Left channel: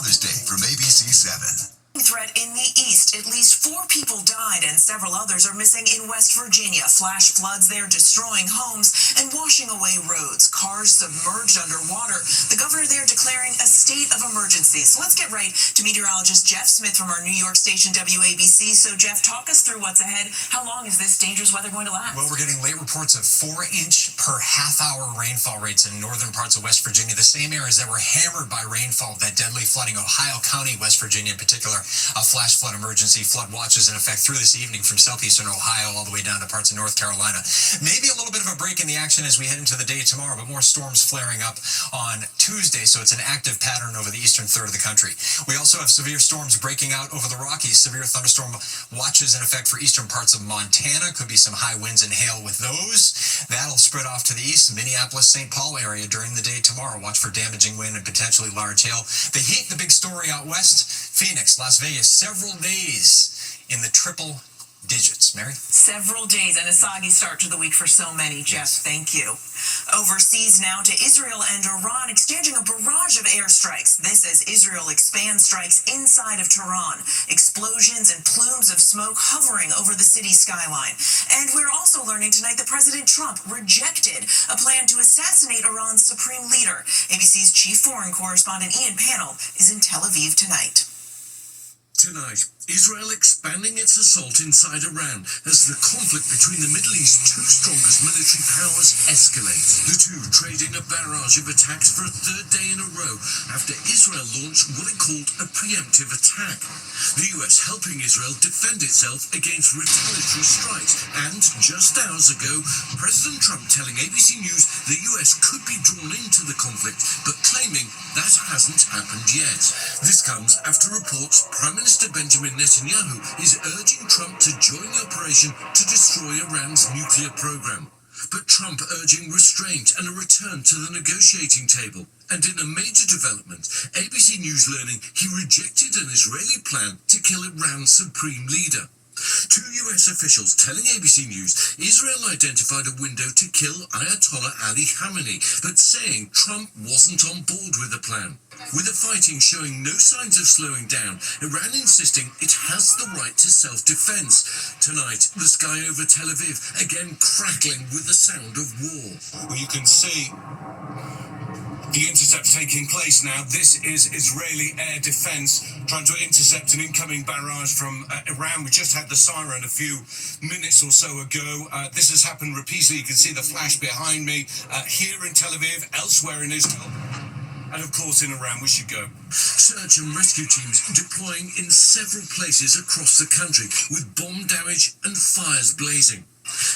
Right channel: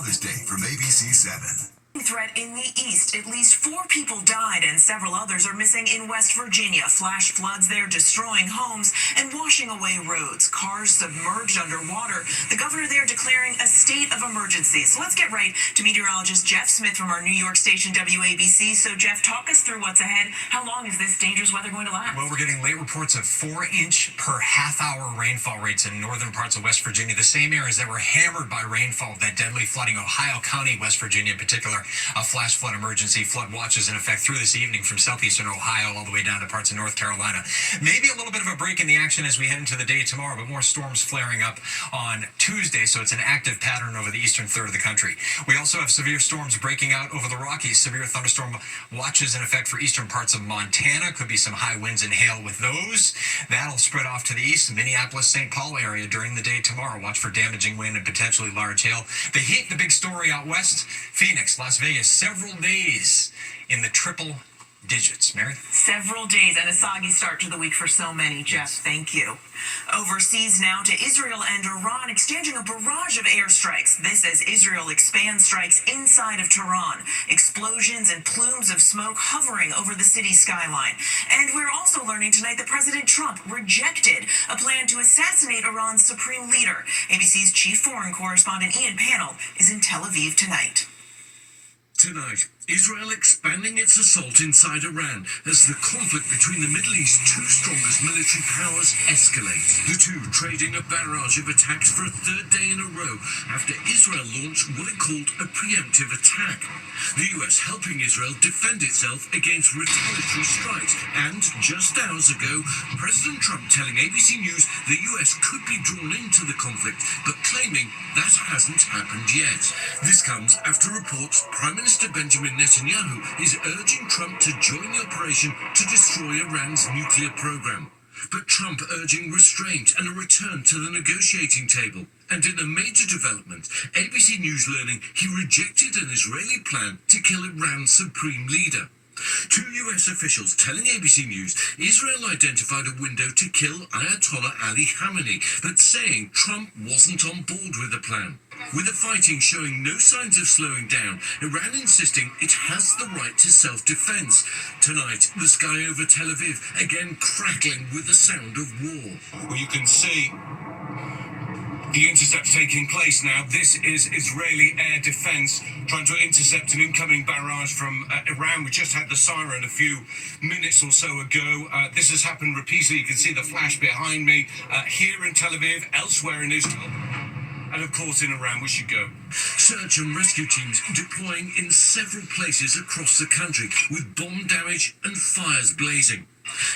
Father's Day from ABC7. Threat in the east. At least 4 people died and several others are missing in West Virginia. Flash floods there destroying homes and washing away roads. Cars submerged underwater. The governor there declaring a state of emergency. So let's get right to meteorologist Jeff Smith from our New York station WABC. So Jeff, talk us through what's ahead. How long is this dangerous weather going to last? Well, we're getting late reports of 4-inch per half-hour rainfall rates in northern parts of West Virginia, the same areas that were hammered by rainfall, that deadly flooding. Ohio County, West Virginia in particular, a flash flood emergency. Flood watches in effect through this evening from southeastern Ohio all the way down to parts of North Carolina. Maybe a little bit of a break in the action as we head into the day tomorrow, but more storms flaring up on Tuesday, so it's an active pattern over the eastern third of the country. We also have severe storms breaking out over the Rockies. Severe thunderstorm watches in effect for eastern parts of Montana. Could be some high winds and hail with those. That'll spread off to the east, Minneapolis, St. Paul area during the day tomorrow. Watch for damaging wind and potentially large hail. The heat, the big story out west, Phoenix, Las Vegas, several days in the triple digits. Mary? Several days and a soggy start to the week for so many, Jeff. Yes. Thank you. Overseas now to Israel and Iran exchanging a barrage of airstrikes. This as Israel expands strikes inside of Tehran. Explosions and plumes of smoke hovering over the city skyline. And we're also learning tonight that President Trump rejected a plan to assassinate Iran's supreme leader. ABC's chief foreign correspondent Ian Pannell is in Tel Aviv tonight. Tonight, Israel expanding its assault inside Iran as the conflict between the Middle East's 2 strongest military powers escalates. The two trading a barrage of attacks for a 3rd day in a row after Israel launched what it called a preemptive attack. The US helping Israel defend itself against retaliatory strikes. And just hours ago, President Trump telling ABC News the US could be drawn into the conflict, but claiming that hasn't happened yet. This comes after reports Prime Minister Benjamin Netanyahu is urging Trump to join the operation to destroy Iran's nuclear program. But Trump urging restraint and a return to the negotiating table. And in a major development, ABC News learning he rejected an Israeli plan to kill Iran's supreme leader. 2 US officials telling ABC News Israel identified a window to kill Ayatollah Ali Khamenei, but saying Trump wasn't on board with the plan. With the fighting showing no signs of slowing down, Iran insisting it has the right to self-defense. Tonight, the sky over Tel Aviv again crackling with the sound of war. Well, you can see the intercept taking place now. This is Israeli air defense trying to intercept an incoming barrage from Iran. We just had the siren a few minutes or so ago. This has happened repeatedly. You can see the flash behind me here in Tel Aviv, elsewhere in Israel, and of course in Iran. We should go. Search and rescue teams deploying in several places across the country with bomb damage and fires blazing.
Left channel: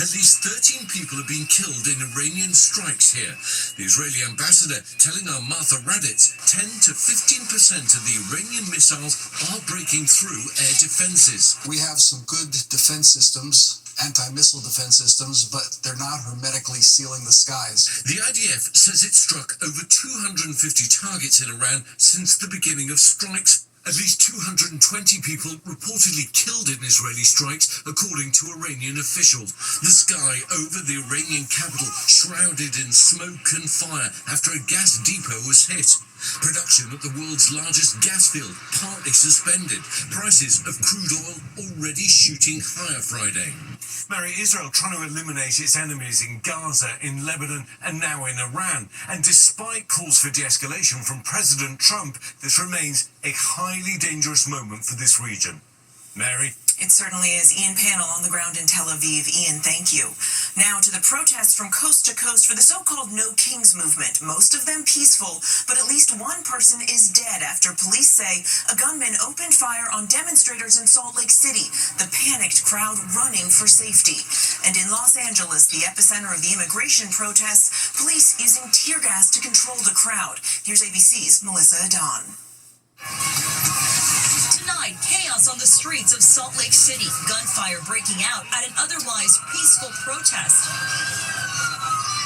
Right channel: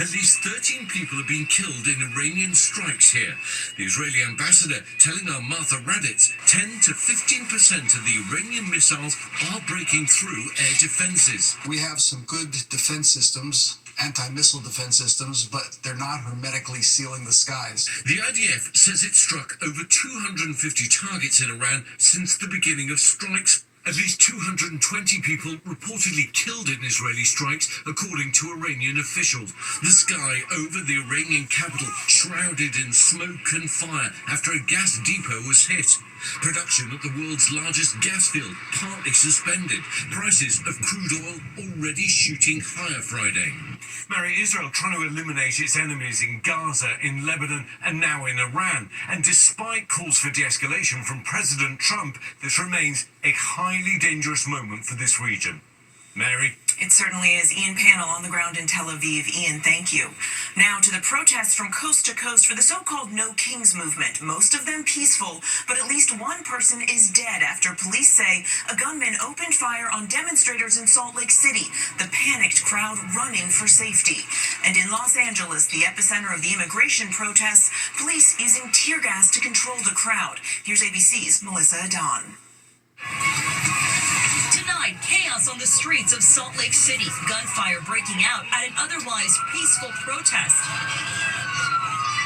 At least 13 people have been killed in Iranian strikes here. The Israeli ambassador telling our Martha Raddatz 10 to 15% of the Iranian missiles are breaking through air defenses. We have some good defense systems, anti-missile defense systems, but they're not hermetically sealing the skies. The IDF says it struck over 250 targets in Iran since the beginning of strikes. At least 220 people reportedly killed in Israeli strikes, according to Iranian officials. The sky over the Iranian capital shrouded in smoke and fire after a gas depot was hit. Production at the world's largest gas field partly suspended. Prices of crude oil already shooting higher Friday. Mary, Israel trying to eliminate its enemies in Gaza, in Lebanon, and now in Iran. And despite calls for de-escalation from President Trump, this remains a highly dangerous moment for this region. Mary? It certainly is. Ian Pannell on the ground in Tel Aviv. Ian, thank you. Now to the protests from coast to coast for the so-called No Kings movement. Most of them peaceful, but at least one person is dead after police say a gunman opened fire on demonstrators in Salt Lake City, the panicked crowd running for safety. And in Los Angeles, the epicenter of the immigration protests, police using tear gas to control the crowd. Here's ABC's Melissa Adon. Tonight, chaos on the streets of Salt Lake City. Gunfire breaking out at an otherwise peaceful protest.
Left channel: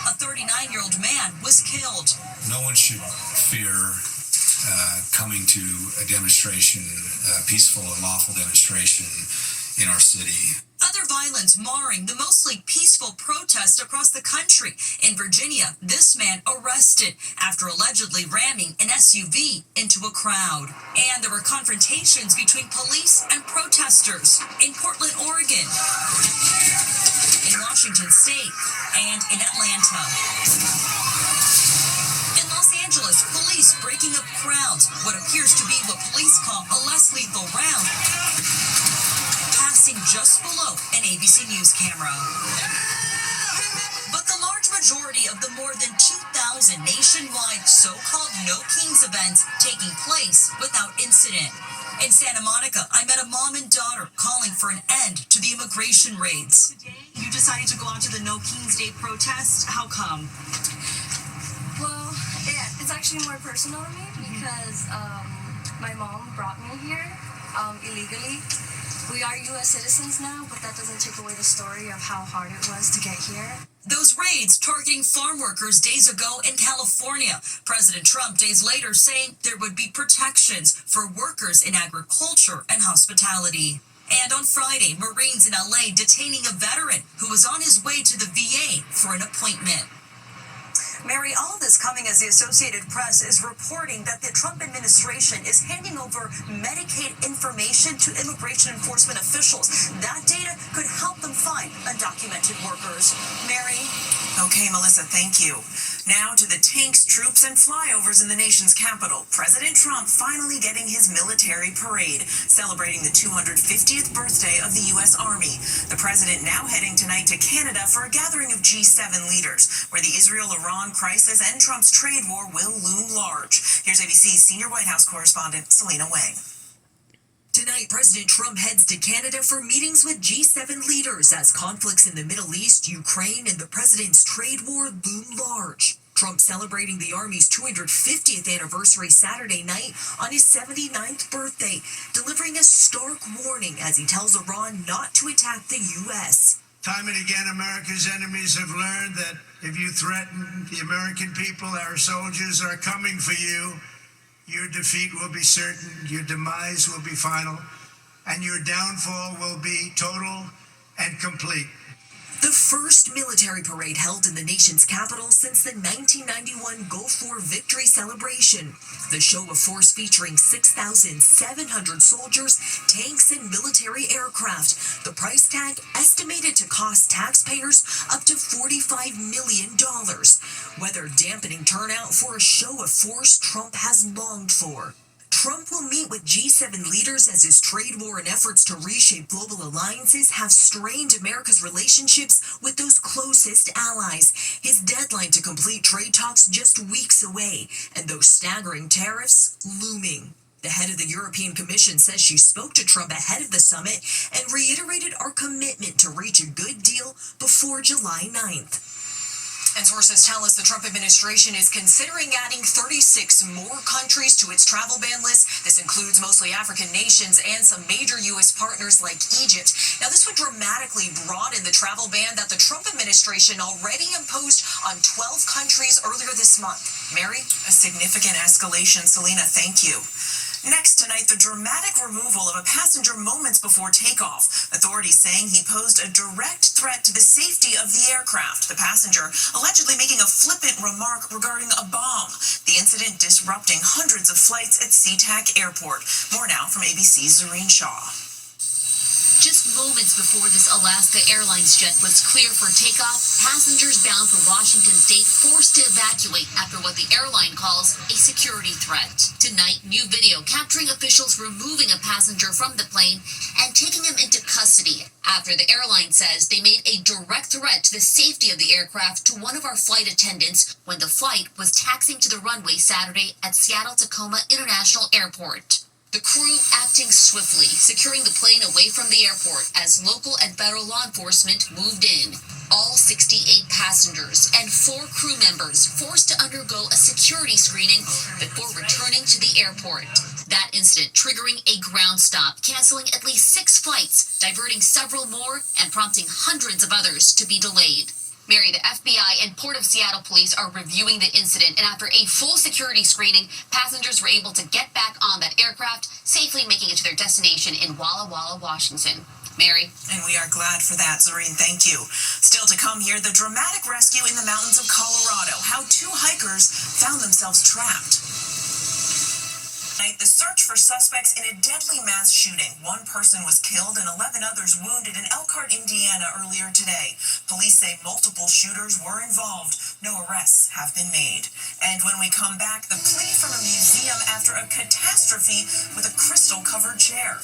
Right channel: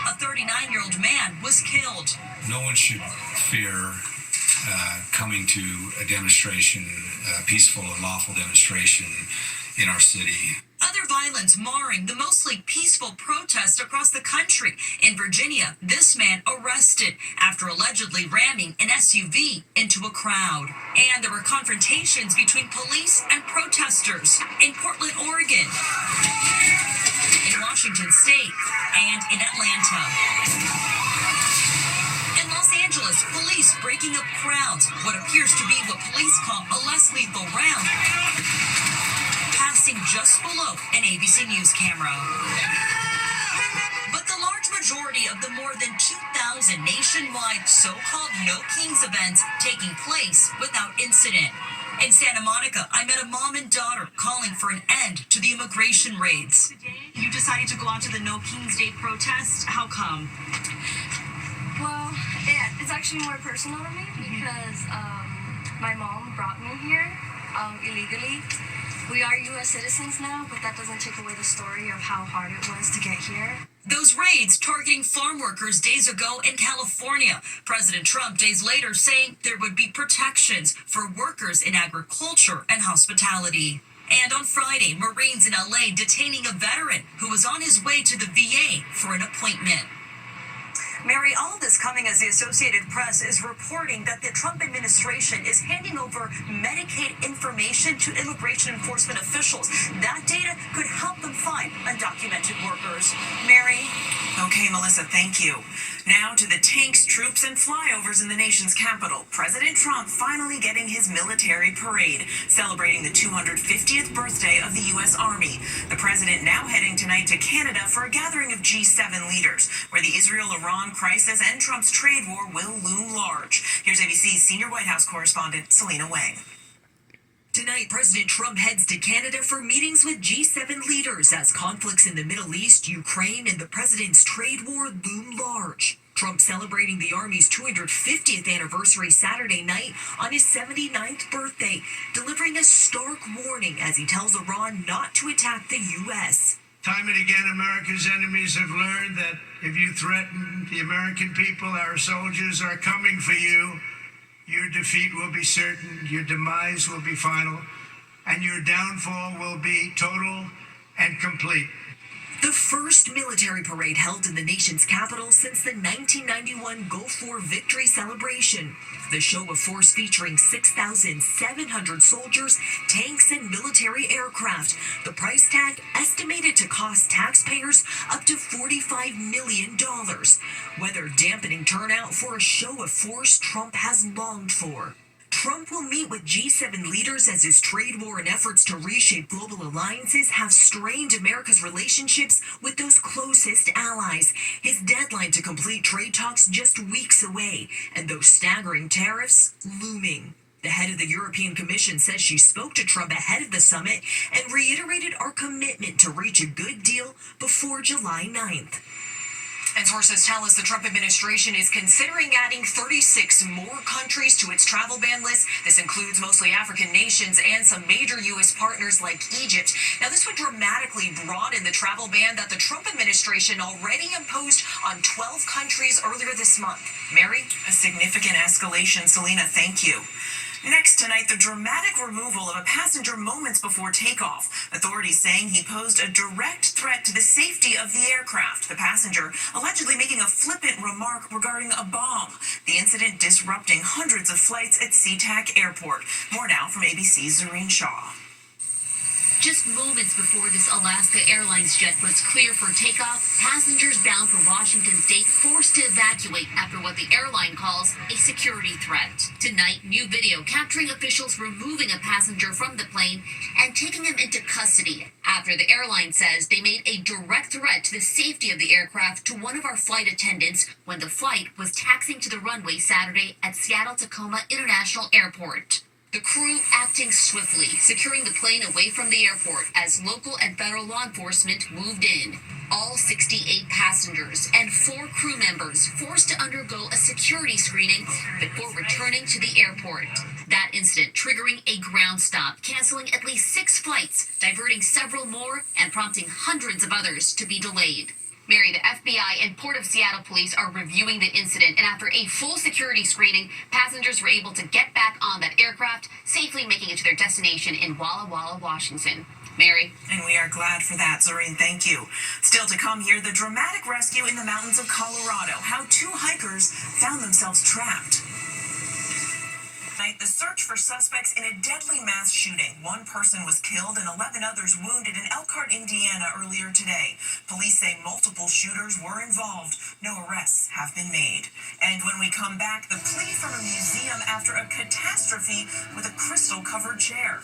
A 39-year-old man was killed. No one should fear coming to a demonstration, a peaceful and lawful demonstration in our city. Other violence marring the mostly peaceful protests across the country. In Virginia, this man arrested after allegedly ramming an SUV into a crowd. And there were confrontations between police and protesters in Portland, Oregon, in Washington State, and in Atlanta. In Los Angeles, police breaking up crowds, what appears to be what police call a less lethal round, passing just below an ABC News camera. But the large majority of the more than 2,000 nationwide so-called No Kings events taking place without incident. In Santa Monica, I met a mom and daughter calling for an end to the immigration raids. You decided to go out to the No Kings Day protest. How come? Well, it's actually more personal to me because my mom brought me here illegally. We are U.S. citizens now, but that doesn't take away the story of how hard it was to get here. Those raids targeting farm workers days ago in California. President Trump days later saying there would be protections for workers in agriculture and hospitality. And on Friday, Marines in LA detaining a veteran who was on his way to the VA for an appointment. Mary, all of this coming as the Associated Press is reporting that the Trump administration is handing over Medicaid information to immigration enforcement officials. That data could help them find undocumented workers. Mary? Okay, Melissa, thank you. Now to the tanks, troops, and flyovers in the nation's capital. President Trump finally getting his military parade, celebrating the 250th birthday of the U.S. Army. The president now heading tonight to Canada for a gathering of G7 leaders, where the Israel-Iran crisis and Trump's trade war will loom large. Here's ABC's senior White House correspondent, Selena Wang. Tonight, President Trump heads to Canada for meetings with G7 leaders as conflicts in the Middle East, Ukraine, and the president's trade war loom large. Trump celebrating the Army's 250th anniversary Saturday night on his 79th birthday, delivering a stark warning as he tells Iran not to attack the U.S. Time and again, America's enemies have learned that if you threaten the American people, our soldiers are coming for you. Your defeat will be certain, your demise will be final, and your downfall will be total and complete. The first military parade held in the nation's capital since the 1991 Gulf War victory celebration. The show of force featuring 6,700 soldiers, tanks, and military aircraft. The price tag estimated to cost taxpayers up to $45 million. Weather dampening turnout for a show of force Trump has longed for. Trump will meet with G7 leaders as his trade war and efforts to reshape global alliances have strained America's relationships with those closest allies. His deadline to complete trade talks just weeks away, and those staggering tariffs looming. The head of the European Commission says she spoke to Trump ahead of the summit and reiterated our commitment to reach a good deal before July 9th. And sources tell us the Trump administration is considering adding 36 more countries to its travel ban list. This includes mostly African nations and some major U.S. partners like Egypt. Now, this would dramatically broaden the travel ban that the Trump administration already imposed on 12 countries earlier this month. Mary? A significant escalation. Selena, thank you. Next tonight, the dramatic removal of a passenger moments before takeoff. Authorities saying he posed a direct threat to the safety of the aircraft. The passenger allegedly making a flippant remark regarding a bomb. The incident disrupting hundreds of flights at SeaTac Airport. More now from ABC's Zareen Shaw. Just moments before this Alaska Airlines jet was clear for takeoff, passengers bound for Washington State forced to evacuate after what the airline calls a security threat. Tonight, new video capturing officials removing a passenger from the plane and taking him into custody after the airline says they made a direct threat to the safety of the aircraft to one of our flight attendants when the flight was taxiing to the runway Saturday at Seattle-Tacoma International Airport. The crew acting swiftly, securing the plane away from the airport as local and federal law enforcement moved in. All 68 passengers and 4 crew members forced to undergo a security screening before returning to the airport. That incident triggering a ground stop, canceling at least 6 flights, diverting several more, and prompting hundreds of others to be delayed. Mary, the FBI and Port of Seattle police are reviewing the incident, and after a full security screening, passengers were able to get back on that aircraft, safely making it to their destination in Walla Walla, Washington. Mary. And we are glad for that, Zoreen. Thank you. Still to come here, the dramatic rescue in the mountains of Colorado. How two hikers found themselves trapped. The search for suspects in a deadly mass shooting. One person was killed and 11 others wounded in Elkhart, Indiana earlier today. Police say multiple shooters were involved. No arrests have been made. And when we come back, the plea from a museum after a catastrophe with a crystal-covered chair.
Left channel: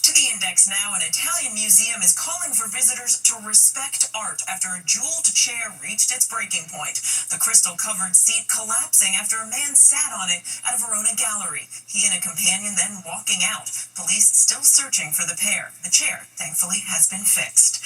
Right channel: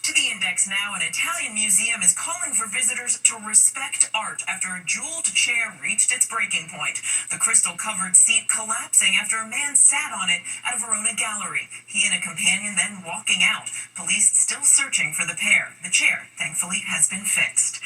To the Index now, an Italian museum is calling for visitors to respect art after a jeweled chair reached its breaking point. The crystal-covered seat collapsing after a man sat on it at a Verona gallery. He and a companion then walking out. Police still searching for the pair. The chair, thankfully, has been fixed.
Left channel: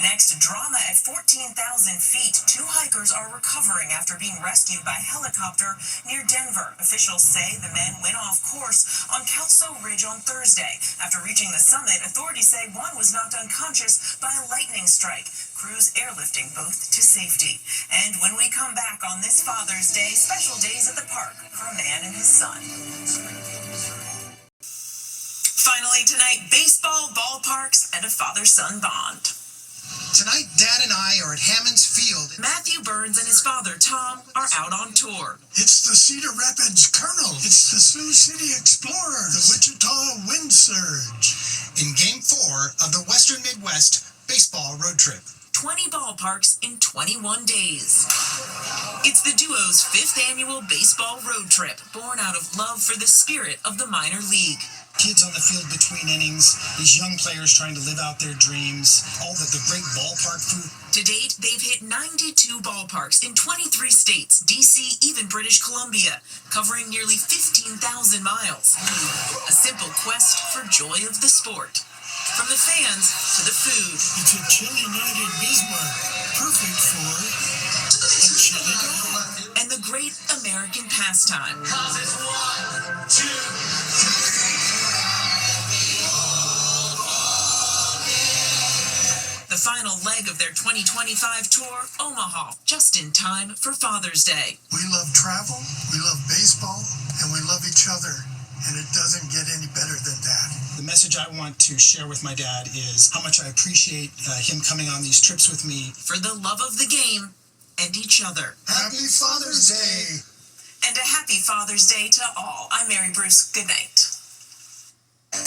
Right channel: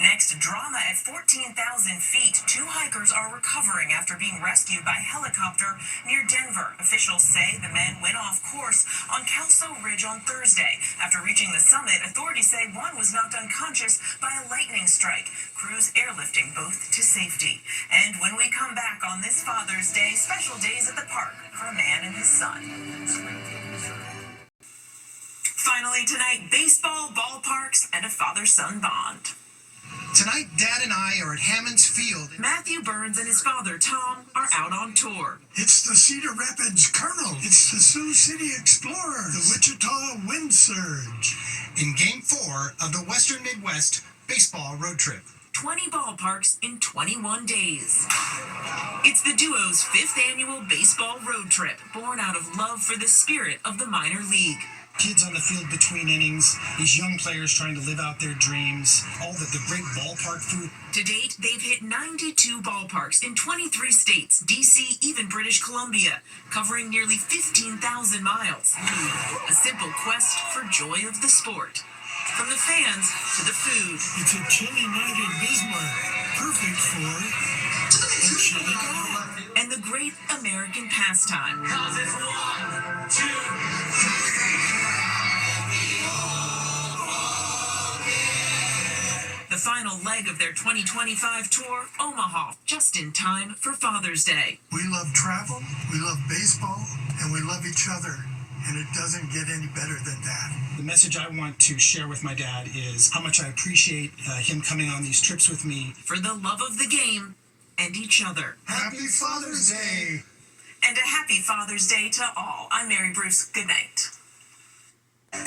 Next, drama at 14,000 feet. Two hikers are recovering after being rescued by helicopter near Denver. Officials say the men went off course on Kelso Ridge on Thursday. After reaching the summit, authorities say one was knocked unconscious by a lightning strike. Crews airlifting both to safety. And when we come back on this Father's Day, special days at the park for a man and his son. Finally tonight, baseball, ballparks, and a father-son bond. Tonight, Dad and I are at Hammons Field. Matthew Burns and his father, Tom, are out on tour. It's the Cedar Rapids Colonel. It's the Sioux City Explorers. The Wichita Wind Surge. In Game 4 of the Western Midwest Baseball Road Trip. 20 ballparks in 21 days. It's the duo's 5th annual baseball road trip, born out of love for the spirit of the minor league. Kids on the field between innings, these young players trying to live out their dreams, all the great ballpark food. To date, they've hit 92 ballparks in 23 states, DC, even British Columbia, covering nearly 15,000 miles. A simple quest for joy of the sport. From the fans to the food. It's a chilly night in Bismarck. Perfect for a chili dog. And the great American pastime. The final leg of their 2025 tour, Omaha, just in time for Father's Day. We love travel, we love baseball, and we love each other. And it doesn't get any better than that. The message I want to share with my dad is how much I appreciate him coming on these trips with me. For the love of the game and each other. Happy Father's Day! And a happy Father's Day to all. I'm Mary Bruce. Good night.